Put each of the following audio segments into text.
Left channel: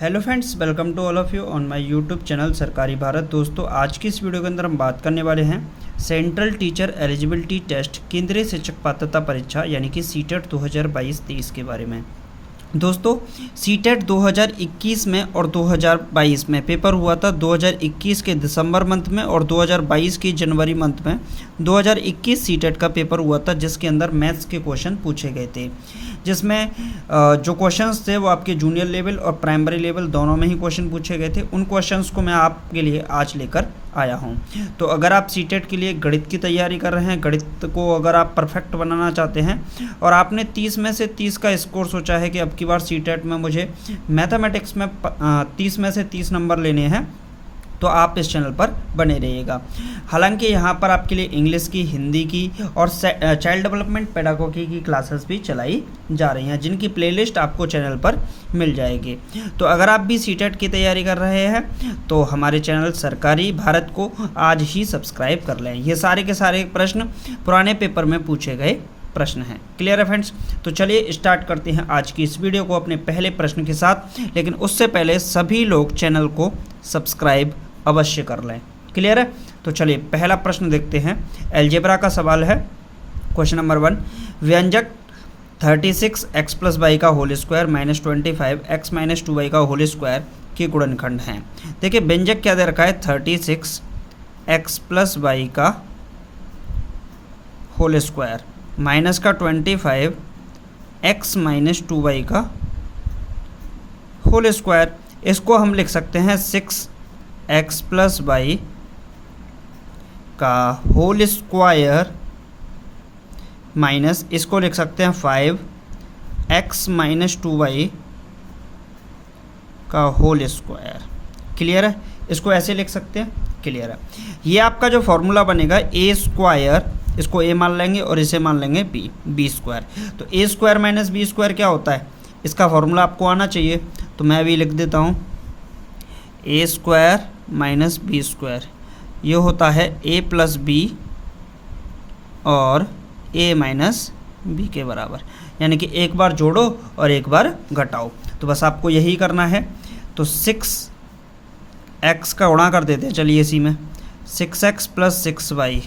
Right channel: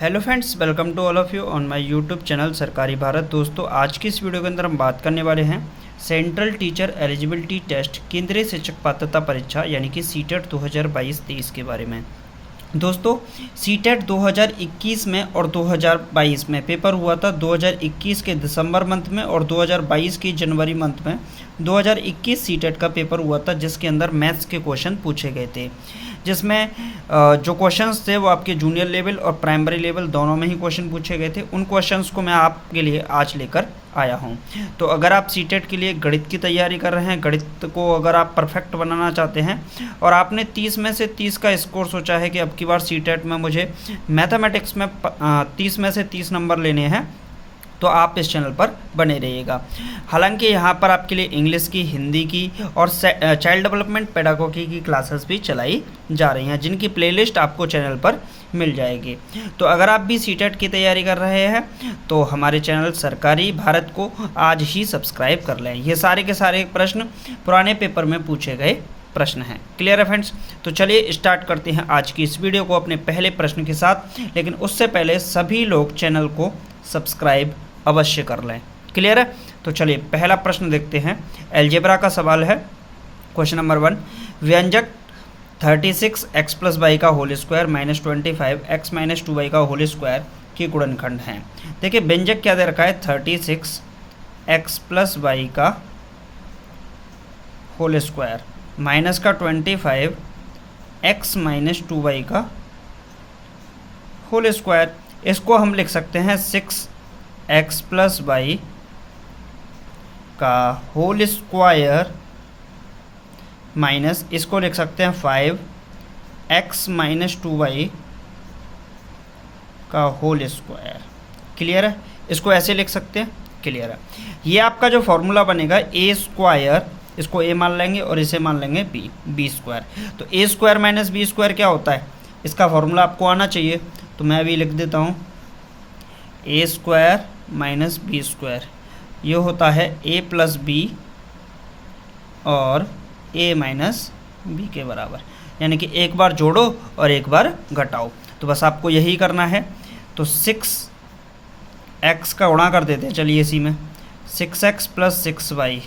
Hello friends, welcome to all of you on my YouTube channel सरकारी भारत। दोस्तों, आज की इस वीडियो के अंदर हम बात करने वाले हैं सेंट्रल टीचर एलिजिबिलिटी टेस्ट केंद्रीय शिक्षक पात्रता परीक्षा यानी कि सीटेट 2022-23 के बारे में। दोस्तों, सीटेट 2021 में और 2022 में पेपर हुआ था। 2021 के दिसंबर मंथ में और 2022 की जनवरी मंथ में 2021 सीटेट का पेपर हुआ था, जिसके अंदर मैथ्स के क्वेश्चन पूछे गए थे, जिसमें जो क्वेश्चंस थे वो आपके जूनियर लेवल और प्राइमरी लेवल दोनों में ही क्वेश्चन पूछे गए थे। उन क्वेश्चंस को मैं आपके लिए आज लेकर आया हूं। तो अगर आप सीटेट के लिए गणित की तैयारी कर रहे हैं, गणित को अगर आप परफेक्ट बनाना चाहते हैं और आपने 30 में से 30 का स्कोर सोचा है कि अब की बार सीटेट में मुझे मैथमेटिक्स में 30 में से 30 नंबर लेने हैं, तो आप इस चैनल पर बने रहिएगा। हालांकि यहाँ पर आपके लिए इंग्लिश की, हिंदी की और चाइल्ड डेवलपमेंट पेडागोगी की क्लासेस भी चलाई जा रही हैं, जिनकी प्लेलिस्ट आपको चैनल पर मिल जाएगी। तो अगर आप भी सीटेट की तैयारी कर रहे हैं तो हमारे चैनल सरकारी भारत को आज ही सब्सक्राइब कर लें। ये सारे के सारे प्रश्न पुराने पेपर में पूछे गए प्रश्न हैं। क्लियर है फ्रेंड्स? तो चलिए स्टार्ट करते हैं आज की इस वीडियो को अपने पहले प्रश्न के साथ। लेकिन उससे पहले सभी लोग चैनल को सब्सक्राइब अवश्य कर लें। क्लियर है? तो चलिए पहला प्रश्न देखते हैं। अलजेब्रा का सवाल है। क्वेश्चन नंबर 1, व्यंजक 36 x प्लस वाई का whole square minus 25 x minus 2y का होल स्क्वायर के गुणनखंड हैं। देखिए, व्यंजक क्या दे रखा है? 36 x प्लस वाई का होल स्क्वायर माइनस का 25 x माइनस 2y का होल स्क्वायर। इसको हम लिख सकते हैं 6x प्लस वाई का होल स्क्वायर माइनस, इसको लिख सकते हैं 5x माइनस 2y का होल स्क्वायर। क्लियर है? इसको ऐसे लिख सकते हैं। क्लियर है? ये आपका जो फॉर्मूला बनेगा ए स्क्वायर, इसको ए मान लेंगे और इसे मान लेंगे बी स्क्वायर। तो ए स्क्वायर माइनस बी स्क्वायर क्या होता है? इसका फॉर्मूला आपको आना चाहिए, तो मैं अभी लिख देता हूँ। ए स्क्वायर माइनस बी स्क्वायर ये होता है ए प्लस बी और ए माइनस बी के बराबर, यानी कि एक बार जोड़ो और एक बार घटाओ। तो बस आपको यही करना है। तो 6x का गुणा कर देते हैं, चलिए इसी में 6x प्लस 6y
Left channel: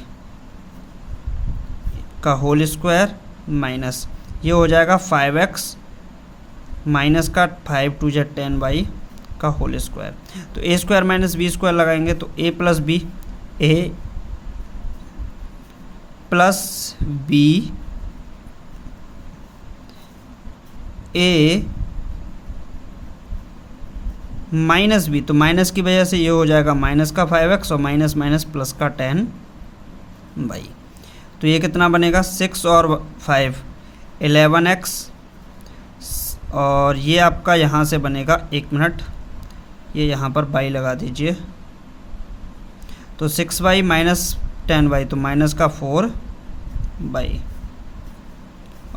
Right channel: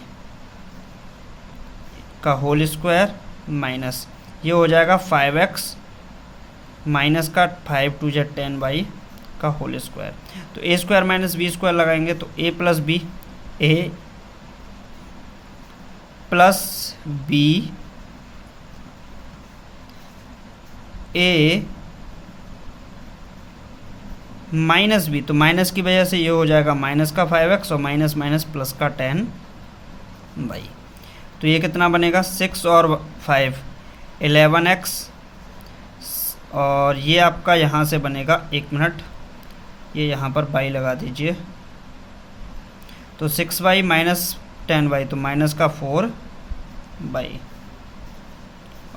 का होल स्क्वायर माइनस ये हो जाएगा 5x माइनस का 5 2 जा 10y का होल स्क्वायर। तो ए स्क्वायर माइनस बी स्क्वायर लगाएंगे तो ए प्लस बी, ए प्लस बी, ए माइनस बी, तो माइनस की वजह से ये हो जाएगा माइनस का 5x और माइनस माइनस प्लस का 10y। तो ये कितना बनेगा? 6 और 5 11x और ये आपका यहाँ से बनेगा, 1 मिनट, ये यहाँ पर y लगा दीजिए। तो 6y माइनस 10y तो माइनस का 4y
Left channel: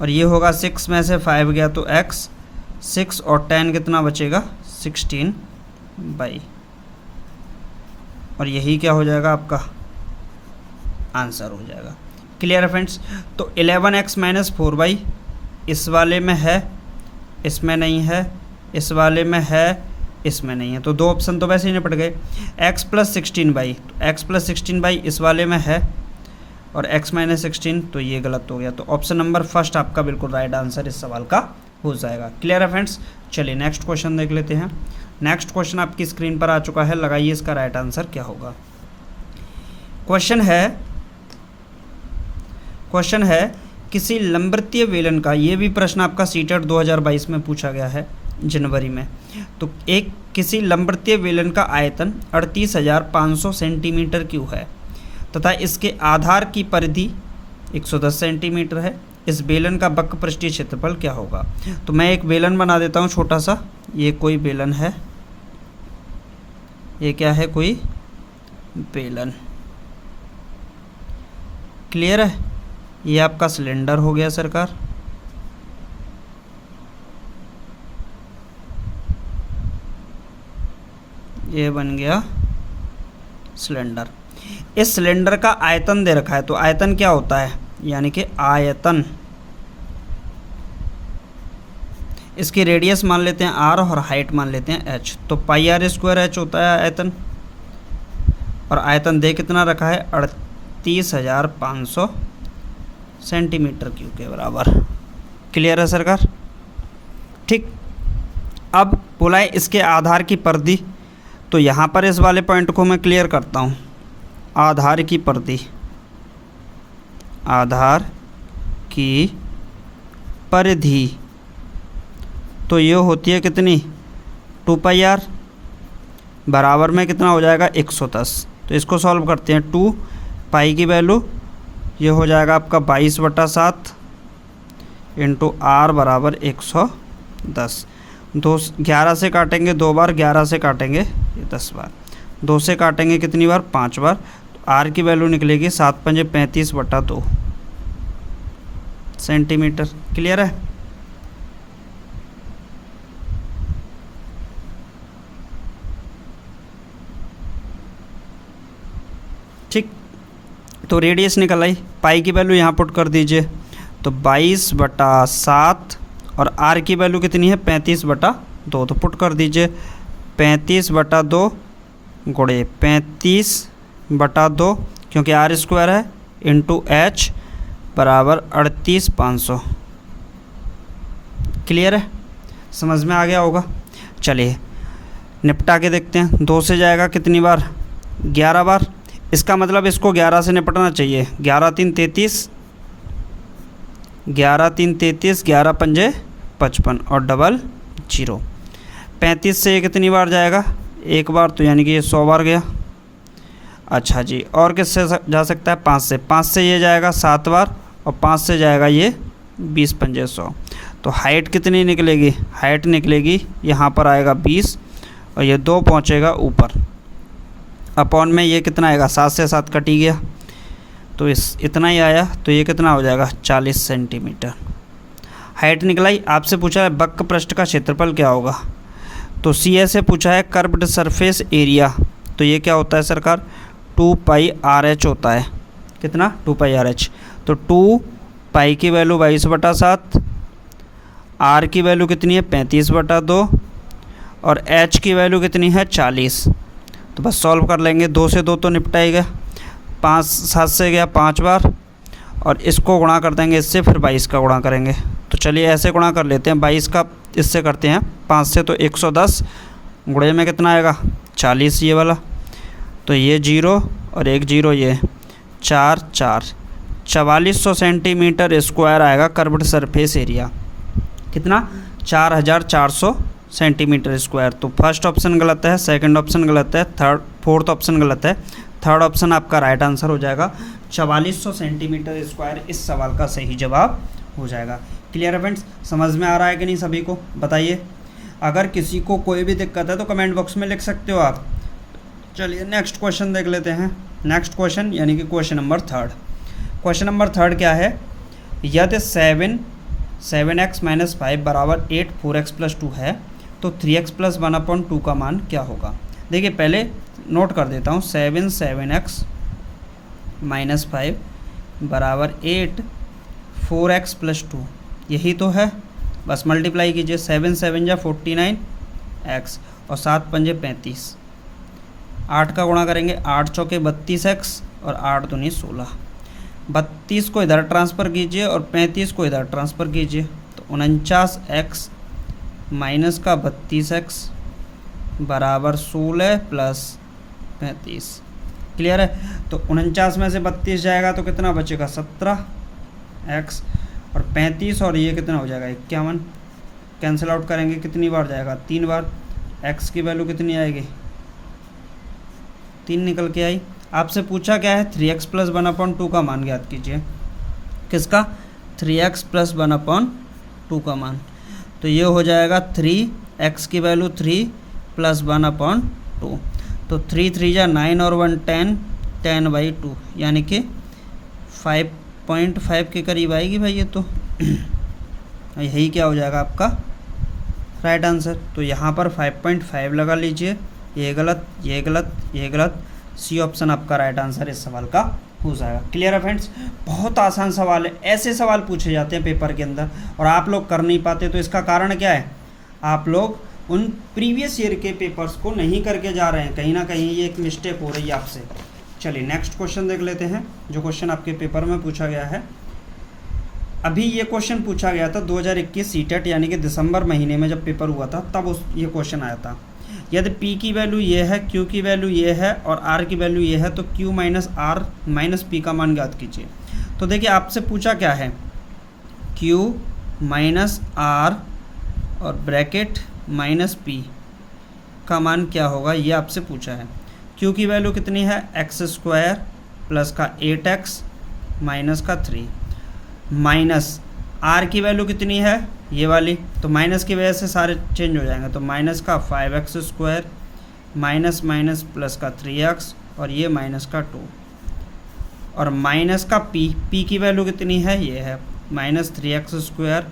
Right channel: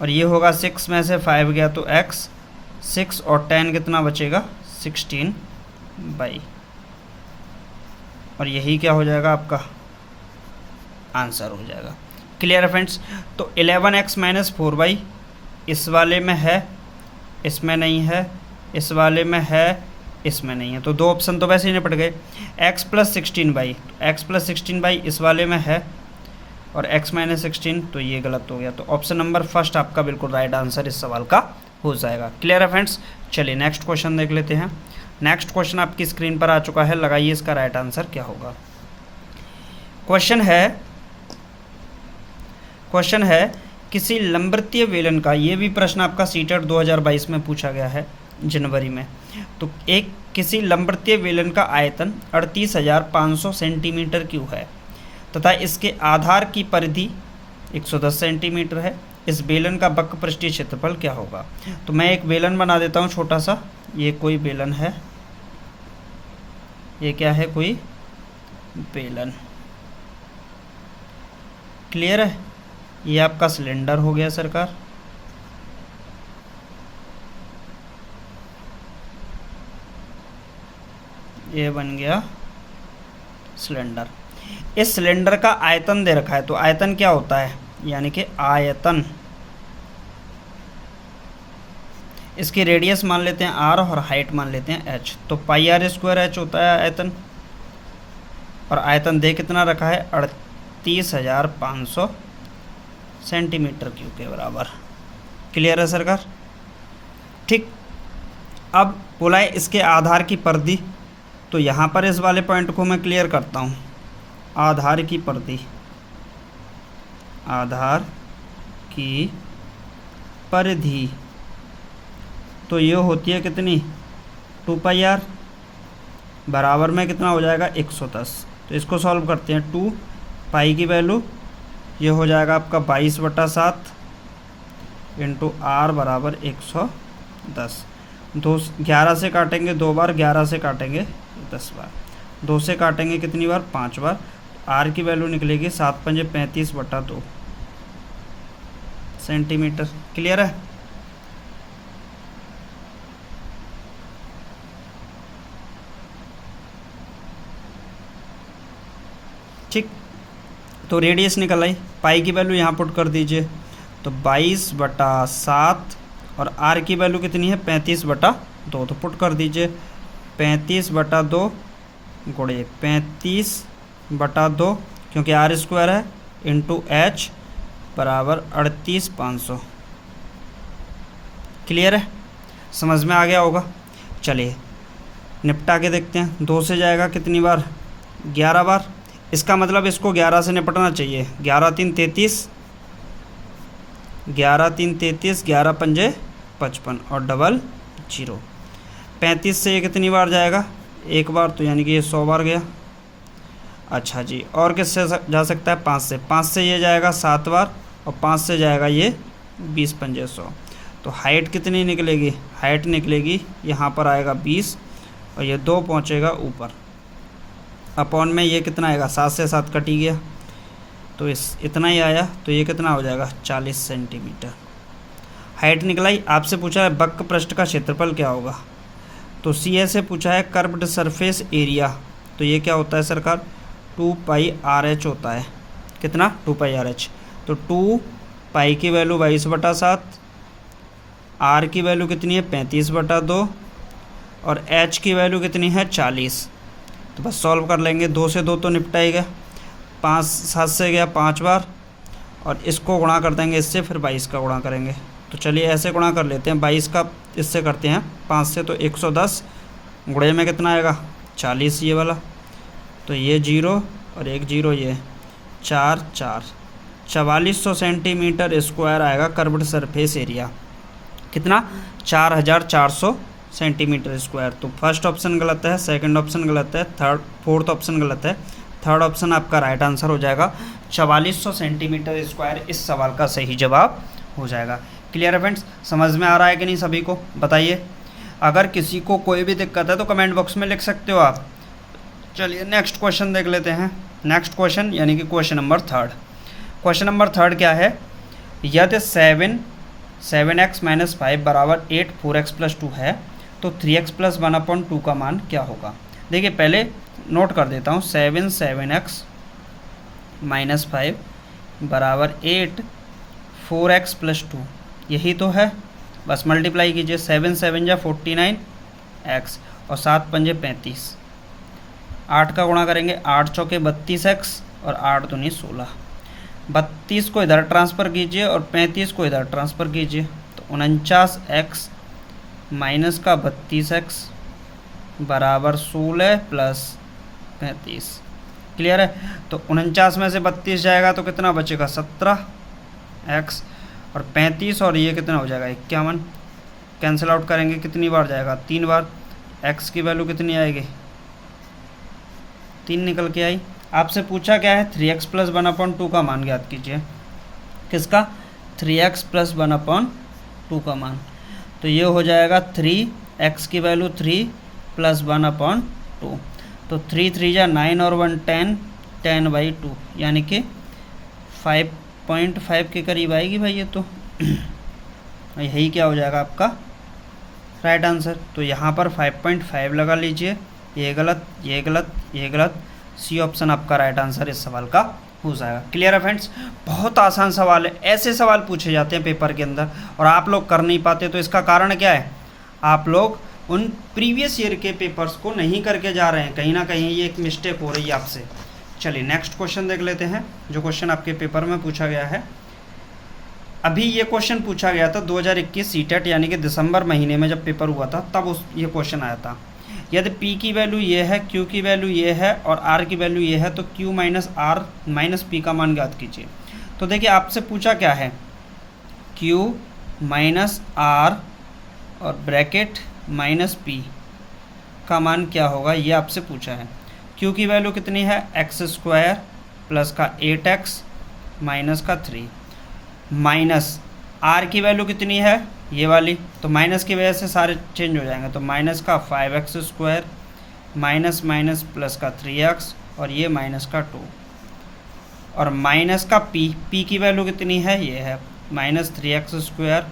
और ये होगा 6 में से 5 गया तो x, 6 और 10 कितना बचेगा? 16y और यही क्या हो जाएगा? आपका आंसर हो जाएगा। क्लियर है फ्रेंड्स? तो 11x माइनस 4y इस वाले में है, इसमें नहीं है, इस वाले में है, इसमें नहीं है, तो दो ऑप्शन तो वैसे ही निपट गए। x plus 16y, x plus 16y इस वाले में है और x माइनस 16, तो ये गलत हो गया। तो ऑप्शन नंबर फर्स्ट आपका बिल्कुल राइट आंसर इस सवाल का हो जाएगा। क्लियर है फ्रेंड्स? चलिए नेक्स्ट क्वेश्चन देख लेते हैं। नेक्स्ट क्वेश्चन आपकी स्क्रीन पर आ चुका है, लगाइए इसका राइट आंसर क्या होगा। क्वेश्चन है किसी लंबवृत्तीय बेलन का, ये भी प्रश्न आपका सीटेट 2022 में पूछा गया है जनवरी में। तो एक किसी लंबवृत्तीय बेलन का आयतन 38,500 सेंटीमीटर क्यूब है तथा इसके आधार की परिधि 110 सेंटीमीटर है। इस बेलन का वक्र पृष्ठीय क्षेत्रफल क्या होगा? तो मैं एक बेलन बना देता हूँ छोटा सा। ये कोई बेलन है, ये क्या है? कोई बेलन। क्लियर है? ये आपका सिलेंडर हो गया सरकार। ये बन गया सिलेंडर। इस सिलेंडर का आयतन दे रखा है, तो आयतन क्या होता है? यानी कि आयतन इसकी रेडियस मान लेते हैं r और हाइट मान लेते हैं h। तो पाई आर स्क्वायर h होता है आयतन, और आयतन दे कितना रखा है 38,500 सेंटीमीटर क्यूब के बराबर। क्लियर है सरकार? ठीक। अब बोला है इसके आधार की परिधि, तो यहाँ पर इस वाले पॉइंट को मैं क्लियर करता हूँ। आधार की परिधि, आधार की परिधि तो ये होती है कितनी 2 पाई आर, बराबर में कितना हो जाएगा 110। तो इसको सॉल्व करते हैं। 2 पाई की वैल्यू ये हो जाएगा आपका 22/7 इंटू आर बराबर 110। 11 से काटेंगे 2 बार, 11 से काटेंगे 10 बार, 2 से काटेंगे कितनी बार 5 बार। आर की वैल्यू निकलेगी 7 पंजे 35/2 सेंटीमीटर। क्लियर है? ठीक। तो रेडियस निकल आई, पाई की वैल्यू यहाँ पुट कर दीजिए, तो 22/7 और आर की वैल्यू कितनी है 35/2, तो पुट कर दीजिए 35/2 गुणे 35/2, क्योंकि आर स्क्वायर है, इंटू एच बराबर 38,500। क्लियर है? समझ में आ गया होगा। चलिए निपटा के देखते हैं। 2 से जाएगा कितनी बार 11 बार, इसका मतलब इसको 11 से निपटना चाहिए। 11 3 33, 11 3 33, 11 पंजे 55 और डबल 0। 35 से ये कितनी बार जाएगा 1 बार, तो यानी कि ये 100 बार गया। अच्छा जी, और किससे जा सकता है 5 से ये जाएगा 7 बार, और 5 से जाएगा ये 20 पंजे 100। तो हाइट कितनी निकलेगी, हाइट निकलेगी यहाँ पर आएगा 20, और ये 2 पहुँचेगा ऊपर, अपॉन में ये कितना आएगा 7 से 7 कट ही गया, तो इतना ही आया। तो ये कितना हो जाएगा 40 सेंटीमीटर हाइट निकलाई। आपसे पूछा है वक्र पृष्ठ का क्षेत्रफल क्या होगा, तो सी से पूछा है कर्व्ड सरफेस एरिया, तो ये क्या होता है सरकार 2 पाई आर एच होता है। कितना 2 पाई आर एच। तो 2 पाई की वैल्यू 22/7, आर की वैल्यू कितनी है 35/2, और एच की वैल्यू कितनी है 40। तो बस सॉल्व कर लेंगे। 2 से 2 तो निपटाएगा, 5 7 से गया 5 बार, और इसको गुणा कर देंगे इससे, फिर 22 का गुणा करेंगे। तो चलिए ऐसे गुणा कर लेते हैं, 22 का इससे करते हैं 5 से, तो 110 गुणे में कितना आएगा 40 ये वाला, तो ये 0 और एक 0, ये 4 4 4400 सेंटीमीटर स्क्वायर आएगा कर्व्ड सरफेस एरिया। कितना 4400 सेंटीमीटर स्क्वायर। तो फर्स्ट ऑप्शन गलत है, सेकंड ऑप्शन गलत है, फोर्थ ऑप्शन गलत है, थर्ड ऑप्शन आपका राइट आंसर हो जाएगा। 4400 सेंटीमीटर स्क्वायर इस सवाल का सही जवाब हो जाएगा। क्लियर है फ्रेंड्स? समझ में आ रहा है कि नहीं सभी को? बताइए। अगर किसी को कोई भी दिक्कत है तो कमेंट बॉक्स में लिख सकते हो आप। चलिए नेक्स्ट क्वेश्चन देख लेते हैं। नेक्स्ट क्वेश्चन यानी कि क्वेश्चन नंबर 3। क्वेश्चन नंबर 3 क्या है, यदि 7x - 5 बराबर 8 4x + 2 है तो 3x + 1/2 का मान क्या होगा। देखिए पहले नोट कर देता हूँ, 7x - 5 बराबर 8 4x + 2, यही तो है। बस मल्टीप्लाई कीजिए, 7 7 जा 49x और 7 पंजे 35, 8 का गुणा करेंगे, 8 चौके 32x और 8 दूनी 16। 32 को इधर ट्रांसफ़र कीजिए और 35 को इधर ट्रांसफ़र कीजिए, तो 49x माइनस का 32x बराबर 16 + 35। क्लियर है? तो 49 में से 32 जाएगा तो कितना बचेगा 17x, और 35 और ये कितना हो जाएगा 51। कैंसिल आउट करेंगे, कितनी बार जाएगा 3 बार। x की वैल्यू कितनी आएगी 3 निकल के आई। आपसे पूछा क्या है 3x + 1/2 का मान ज्ञात कीजिए। किसका 3x + 1/2 का मान, तो ये हो जाएगा 3x की वैल्यू 3 + 1/2, तो 3 3 जा 9 और 1 10, 10/2 यानी कि 5.5 के करीब आएगी भाई ये तो। यही क्या हो जाएगा आपका राइट आंसर। तो यहाँ पर 5.5 लगा लीजिए, ये गलत, ये गलत, ये गलत, सी ऑप्शन आपका राइट आंसर इस सवाल का हो जाएगा। क्लियर है फ्रेंड्स, बहुत आसान सवाल है, ऐसे सवाल पूछे जाते हैं पेपर के अंदर और आप लोग कर नहीं पाते। तो इसका कारण क्या है, आप लोग उन प्रीवियस ईयर के पेपर्स को नहीं करके जा रहे हैं, कहीं ना कहीं ये एक मिस्टेक हो रही है आपसे। चलिए नेक्स्ट क्वेश्चन देख लेते हैं, जो क्वेश्चन आपके पेपर में पूछा गया है। अभी ये क्वेश्चन पूछा गया था 2021 सीटेट यानी कि दिसंबर महीने में जब पेपर हुआ था, तब ये क्वेश्चन आया था। यदि P की वैल्यू ये है, Q की वैल्यू ये है और R की वैल्यू ये है, तो Q minus R minus P का मान ज्ञात कीजिए। तो देखिए आपसे पूछा क्या है, Q माइनस R और ब्रैकेट माइनस P का मान क्या होगा, ये आपसे पूछा है। Q की वैल्यू कितनी है, x² प्लस का 8x माइनस का 3, माइनस R की वैल्यू कितनी है, ये वाली, तो माइनस की वजह से सारे चेंज हो जाएंगे, तो माइनस का 5x² माइनस माइनस प्लस का 3x और ये माइनस का 2, और माइनस का P की वैल्यू कितनी है, ये है माइनस 3x²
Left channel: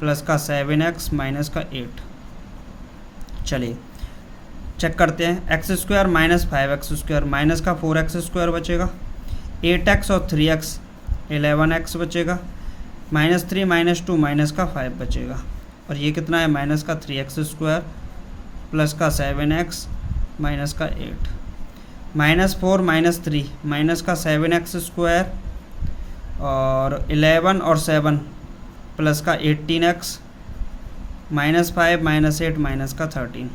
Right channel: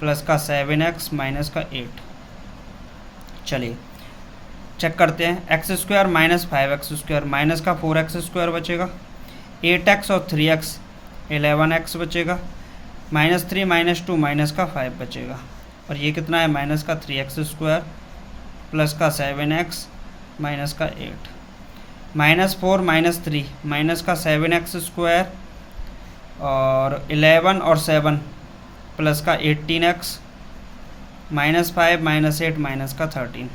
प्लस का 7x माइनस का 8। चलिए चेक करते हैं, x² माइनस 5x² माइनस का 4x² बचेगा, 8x और 3x 11x बचेगा, माइनस 3 माइनस 2 माइनस का 5 बचेगा, और ये कितना है, माइनस का 3x² प्लस का 7x माइनस का 8, माइनस 4 माइनस 3 माइनस का 7x² और 11 और 7 प्लस का 18x माइनस 5 माइनस 8 माइनस का 13।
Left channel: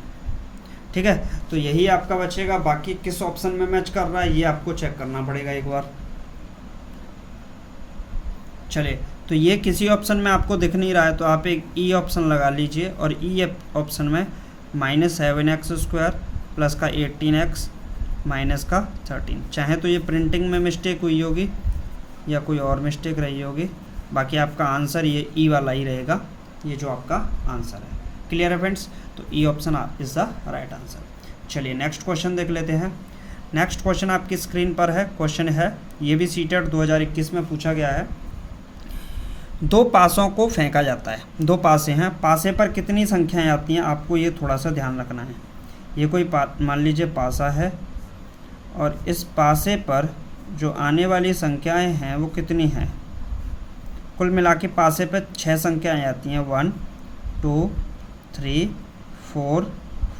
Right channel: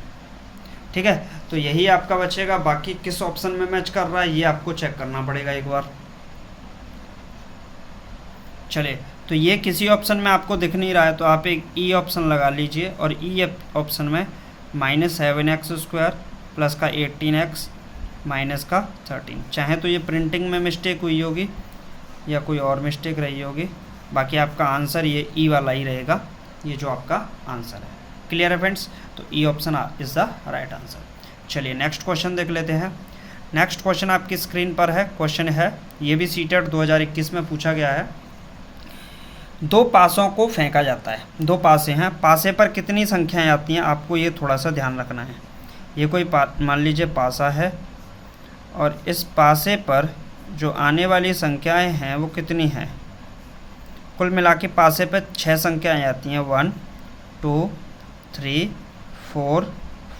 ठीक है, तो यही आपका बचेगा। बाकी किस ऑप्शन में मैच कर रहा है ये आपको चेक करना पड़ेगा एक बार। चलिए, तो ये किसी ऑप्शन में आपको दिख नहीं रहा है तो आप एक ई ऑप्शन लगा लीजिए, और ई ऑप्शन में माइनस 7x² प्लस का 18x माइनस का 13। चाहे तो ये प्रिंटिंग में मिस्टेक हुई होगी या कोई और मिस्टेक रही होगी, बाकी आपका आंसर ये ई वाला ही रहेगा, ये जो आपका आंसर है। क्लियर है फ्रेंड्स, तो E option is the right answer. चलिए नेक्स्ट क्वेश्चन देख लेते हैं। नेक्स्ट क्वेश्चन आपकी स्क्रीन पर है, क्वेश्चन है, ये भी सीटेट 2021 में पूछा गया है। दो पासों को फेंका जाता है, दो पासे हैं, पासे पर कितनी संख्याएं आती हैं, आपको ये थोड़ा सा ध्यान रखना है। ये कोई मान लीजिए पासा है और इस पासे पर जो आने वाली संख्याएं हैं वो कितनी हैं, कुल मिला के पासे पर 6 संख्याएं आती हैं, 1 2 3 4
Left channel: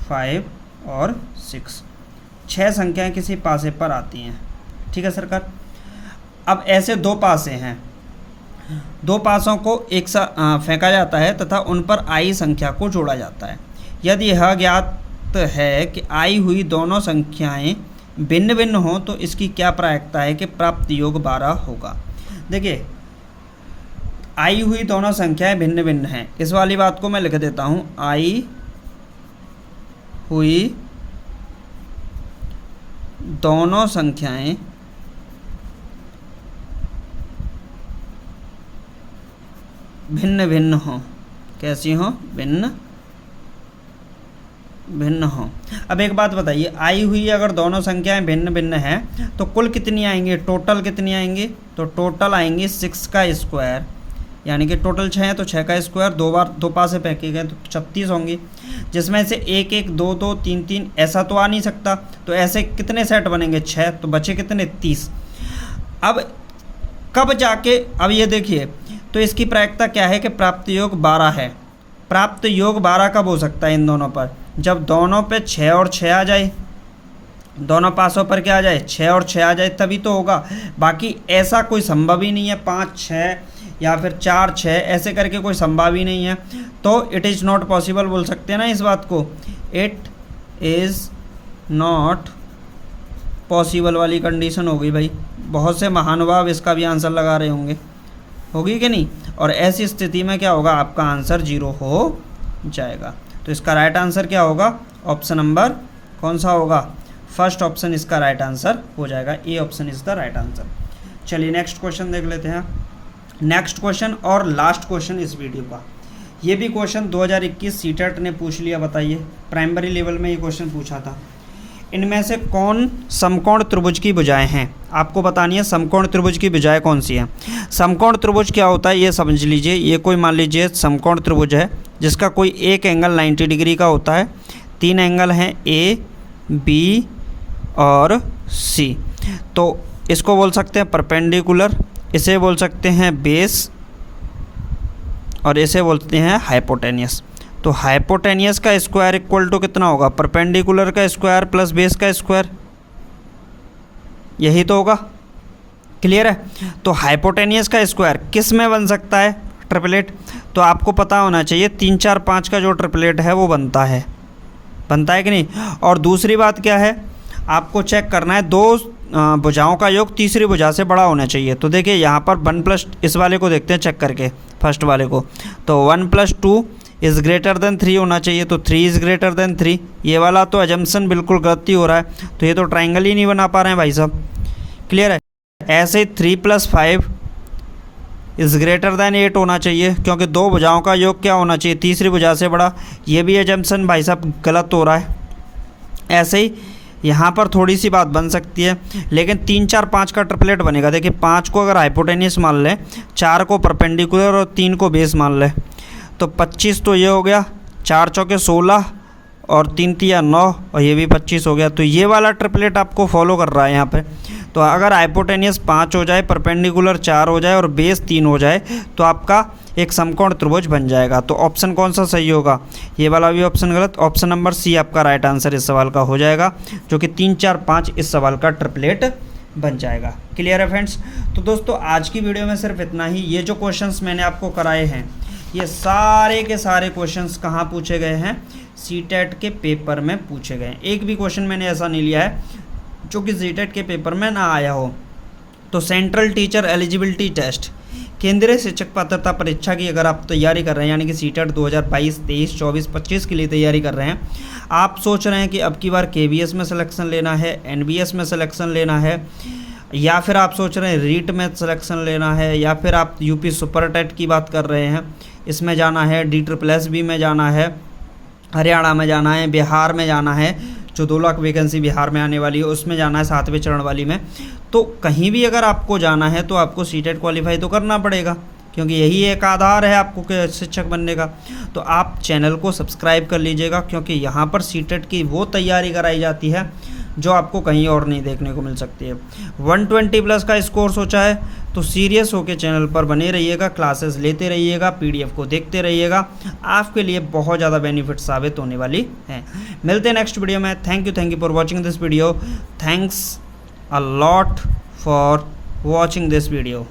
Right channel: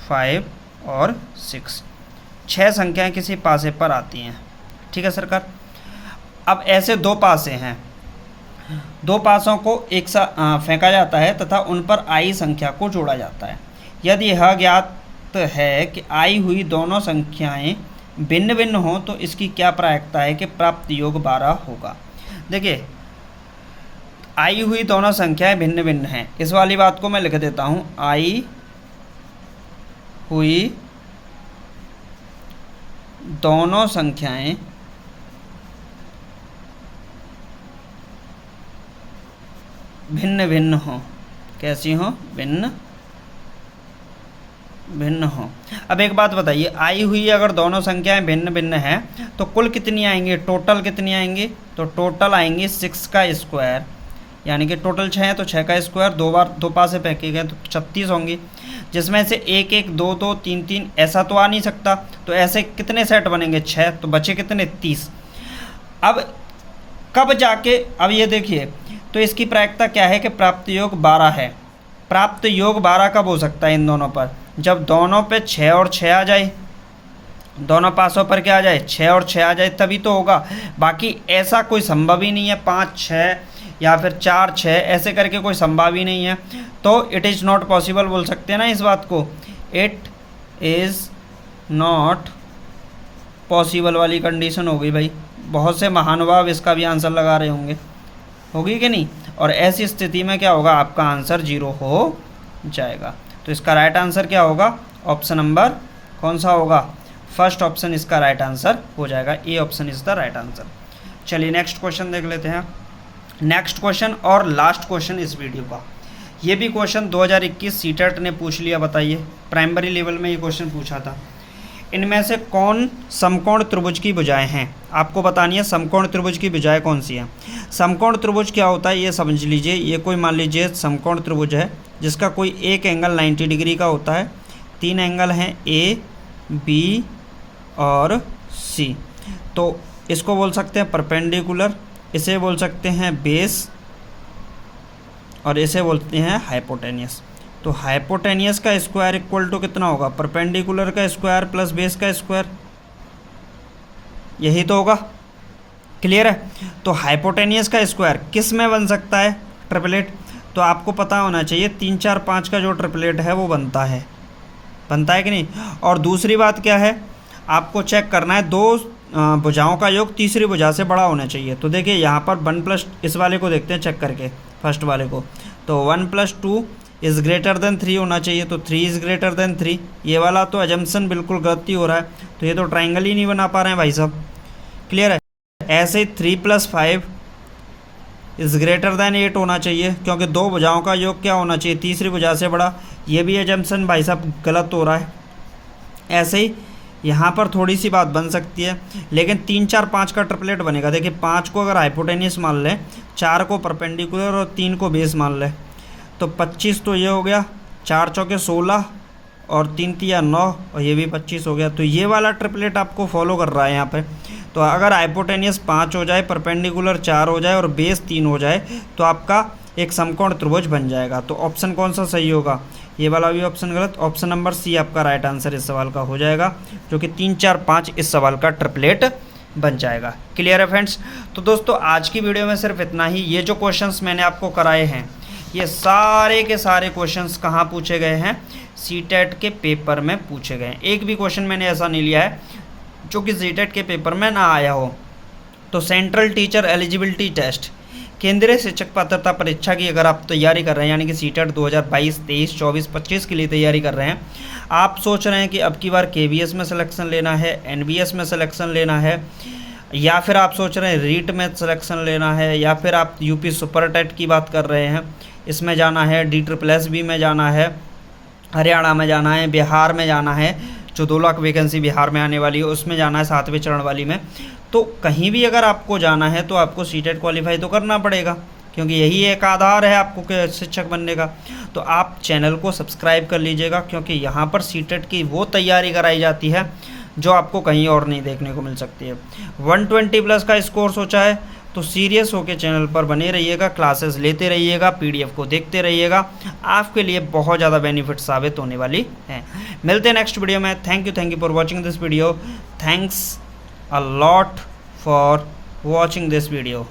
5 और 6। 6 संख्याएं किसी पासे पर आती हैं। ठीक है सरकार। अब ऐसे दो पासे हैं, दो पासों को एक साथ फेंका जाता है तथा उन पर आई संख्या को जोड़ा जाता है। यदि यह ज्ञात है कि आई हुई दोनों संख्याएं भिन्न भिन्न हों तो इसकी क्या प्रायिकता है कि प्राप्त योग 12 होगा। देखिए, आई हुई दोनों संख्याएं भिन्न भिन्न हैं, इस वाली बात को मैं लिख देता हूँ, आई हुई दोनों संख्याएं भिन्न भिन्न हो। कैसी हो, भिन्न भिन्न हो। अब एक बात बताइए, आई हुई अगर दोनों संख्याएं भिन्न भिन्न हैं तो कुल कितनी आएंगी, टोटल कितनी आएंगी, तो टोटल आएंगी 6 का स्क्वायर, यानी कि टोटल 6 है तो 6 का स्क्वायर, दो बार दो पासे फेंके गए तो 36 होंगी, जिसमें से 1 1 2 2 3 3 ऐसा तो आ नहीं सकता, तो ऐसे कितने सेट बनेंगे, 6, तो बचे कितने, 30। अब कब जाके, अब ये देखिए, तो इसकी प्रायिकता क्या है कि प्राप्त योग 12 है। प्राप्त योग 12 कब हो सकता है इन दोनों पर, जब दोनों पे 6 और 6 आ जाए, दोनों पासों पर क्या आ जाए, 6 और 6 आ जाए, तभी तो होगा। बाकी ऐसा कोई संभव ही नहीं है, 5 6 या फिर 4 6 ऐसे करके कोई संभव ही नहीं है, तो इट इज़ नॉट पॉसिबल बोल सकते हैं ना इस बात को, इट इज़ नॉट पॉसिबल वाली कंडीशन हो गई भाई। बहुत से महानुभाव इसका भी आंसर लगा रहे होंगे, होगी कि नहीं, और ऐसी स्थिति में क्या होगा, आपका आंसर 0 हो जाएगा। तो इसका राइट आंसर क्या होगा, ऑप्शन नंबर कौन सा होगा, फर्स्ट ऑप्शन इसका राइट आंसर हो जाएगा, A option is the right answer. चलिए नेक्स्ट क्वेश्चन देख लेते हैं। नेक्स्ट क्वेश्चन और लास्ट क्वेश्चन इस वीडियो का, ये भी क्वेश्चन 2021 सीटेट ने पूछ लिया। बताइए, प्राइमरी लेवल में ये क्वेश्चन पूछा था। इनमें से कौन समकोण त्रिभुज की भुजाएं हैं, आपको बतानी है समकोण त्रिभुज की भुजाएं कौन सी हैं। समकोण त्रिभुज क्या होता है ये समझ लीजिए। ये कोई मान लीजिए समकोण त्रिभुज है जिसका कोई एक एंगल 90 डिग्री का होता है, 3 एंगल हैं ए बी और सी। तो इसको बोल सकते हैं परपेंडिकुलर, इसे बोल सकते हैं बेस और इसे बोलते हैं हाइपोटेनियस। तो हाइपोटेनियस का स्क्वायर इक्वल टू कितना होगा, परपेंडिकुलर का स्क्वायर प्लस बेस का स्क्वायर, यही तो होगा। क्लियर है। तो हाइपोटेनियस का स्क्वायर किस में बन सकता है, ट्रिपलेट। तो आपको पता होना चाहिए 3 4 5 का जो ट्रिपलेट है वो बनता है कि नहीं। और दूसरी बात क्या है, आपको चेक करना है दो भुजाओं का योग तीसरी भुजा से बड़ा होना चाहिए। तो देखिए यहाँ पर 1 प्लस, इस वाले को देखते हैं चेक करके, फर्स्ट वाले को। तो 1 + 2 इज़ ग्रेटर देन 3 होना चाहिए, तो 3 इज़ ग्रेटर देन 3। ये वाला तो एजम्पशन बिल्कुल गलत ही हो रहा है, तो ये तो ट्राइंगल ही नहीं बना पा रहे हैं भाई साहब। क्लियर है। ऐसे 3 + 5 इज़ ग्रेटर देन 8 होना चाहिए, क्योंकि दो भुजाओं का योग क्या होना चाहिए, तीसरी भुजा से बड़ा। ये भी एजम्पशन भाई साहब गलत हो रहा है। ऐसे ही यहाँ पर थोड़ी सी बात बन सकती है, लेकिन 3 4 5 का ट्रिपलेट बनेगा। देखिए 5 को अगर हाइपोटेनियस मान लें, 4 को परपेंडिकुलर और 3 को बेस मान लें, तो 25 तो ये हो गया, 4 चौके 16 और 3 तिया 9 और ये भी 25 हो गया। तो ये वाला ट्रिपलेट आपको फॉलो कर रहा है यहाँ पे। तो अगर हाइपोटेनियस 5 हो जाए, परपेंडिकुलर 4 हो जाए और बेस 3 हो जाए, तो आपका एक समकोण त्रिभुज बन जाएगा। तो ऑप्शन कौन सा सही होगा, ये वाला भी ऑप्शन गलत। ऑप्शन नंबर सी आपका राइट आंसर इस सवाल का हो जाएगा, जो कि 3 4 5 इस सवाल का ट्रिपलेट बन जाएगा। क्लियर है फ्रेंड्स। तो दोस्तों आज की वीडियो में सिर्फ इतना ही। ये जो क्वेश्चंस मैंने आपको कराए हैं, ये सारे के सारे क्वेश्चंस कहाँ पूछे गए हैं, सीटेट के पेपर में पूछे गए हैं। एक भी क्वेश्चन मैंने ऐसा नहीं लिया है जो कि सीटेट के पेपर में ना आया हो। तो सेंट्रल टीचर एलिजिबिलिटी टेस्ट, केंद्रीय शिक्षक पात्रता परीक्षा की अगर आप तैयारी कर रहे हैं, यानी कि सीटेट 2022, 23, 24, 25 के लिए तैयारी कर रहे हैं, आप सोच रहे हैं कि अब की बार केवीएस में सिलेक्शन लेना है, एनबीएस में सिलेक्शन लेना है, या फिर आप सोच रहे हैं रीट में सिलेक्शन लेना है, या फिर आप यूपी सुपर टेट की बात कर रहे हैं, इसमें जाना है, DSSB में जाना है, हरियाणा में जाना है, बिहार में जाना है, जो 2 लाख वैकेंसी बिहार में आने वाली है उसमें जाना है, 7वें चरण वाली में। तो कहीं भी अगर आपको जाना है तो आपको सीटेट क्वालिफाई तो करना पड़ेगा, क्योंकि यही एक आधार है आपको के शिक्षक बनने का। तो आप चैनल को सब्सक्राइब कर लीजिएगा, क्योंकि यहाँ पर सीटेट की वो तैयारी कराई जाती है जो आपको कहीं और नहीं देखने को मिल सकती है। 120+ का स्कोर सोचा है, तो सीरियस होकर चैनल पर बने रहिएगा, क्लासेस लेते रहिएगा, PDF को देखते रहिएगा, आपके लिए बहुत ज़्यादा बेनिफिट साबित होने वाली है। मिलते हैं नेक्स्ट वीडियो में। Thank you for watching this video. Thanks a lot for watching this video.